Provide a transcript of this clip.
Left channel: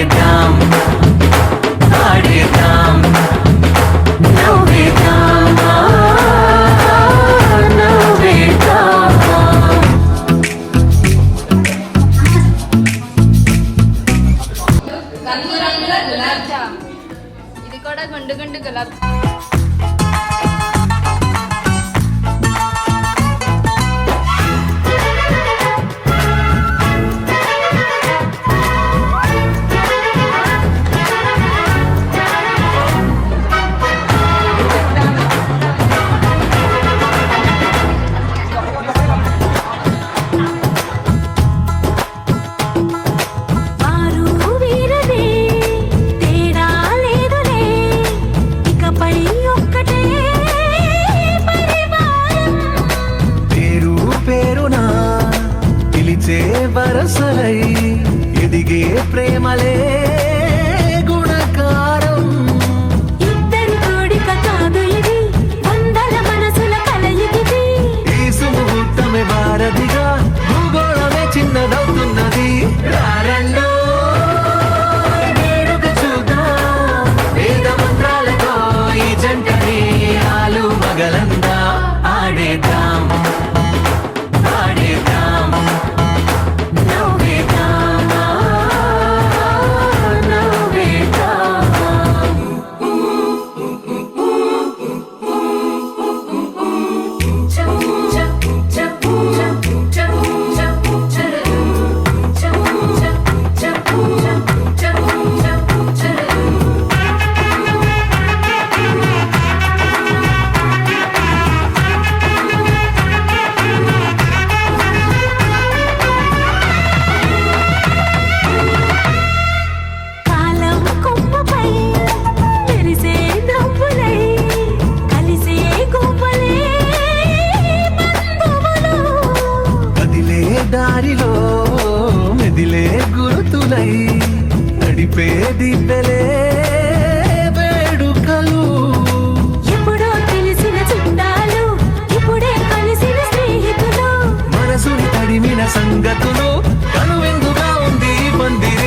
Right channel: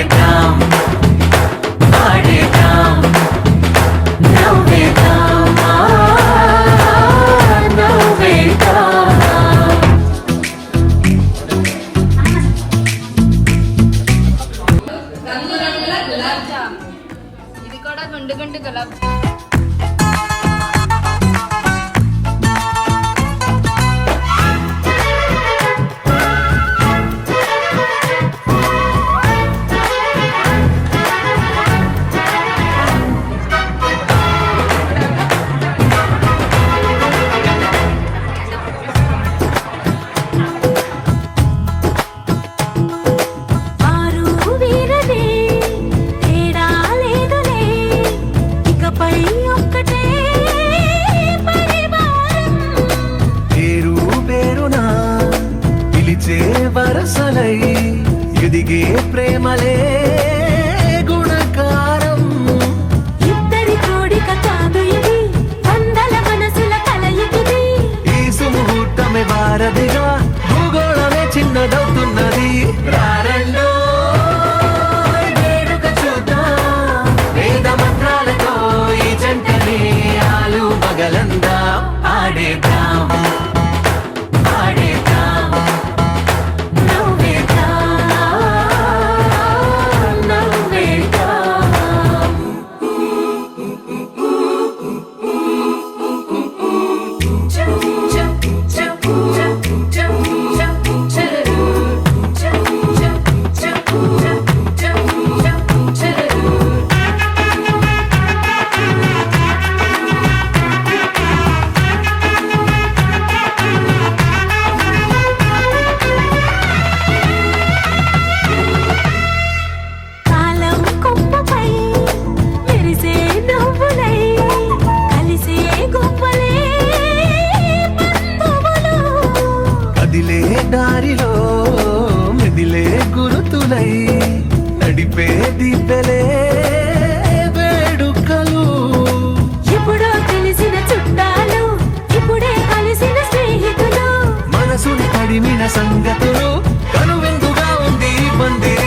ఆడేద్దాం ఆడేద్దాం నవ్వేద్దాం నవ్వేద్దాం. రంగురంగుల గులాబ్ జామ్. ఇది కూడా గుండు గుండు గులాబ్ జామ్. వరసలై ఎదిగే ప్రేమలే గుణకారం. ఇద్దరి కోడిక కాదు ఇది, వందల మనసుల కలయికిది. ఈ సుముహూర్తమే వారధిగా, భూగోళమే చిన్నదవుతున్నది. రారండో వేడుక చూద్దాం, వేద మంత్రాలతో ఈ జంటని ఆలు మగలందా ఆడేద్దాం ఆడేద్దాం. దారిలో మెదిలే గురుతులై నడిపే దిబ్బెలే వేడుకలు. ఎప్పుడో తెలిసిన చుట్టాలు, ఇప్పుడే కలిసిన స్నేహితులు. మనసుని తడిమిన సంగతులు, కనువిందుగా ఉంది పందిరి.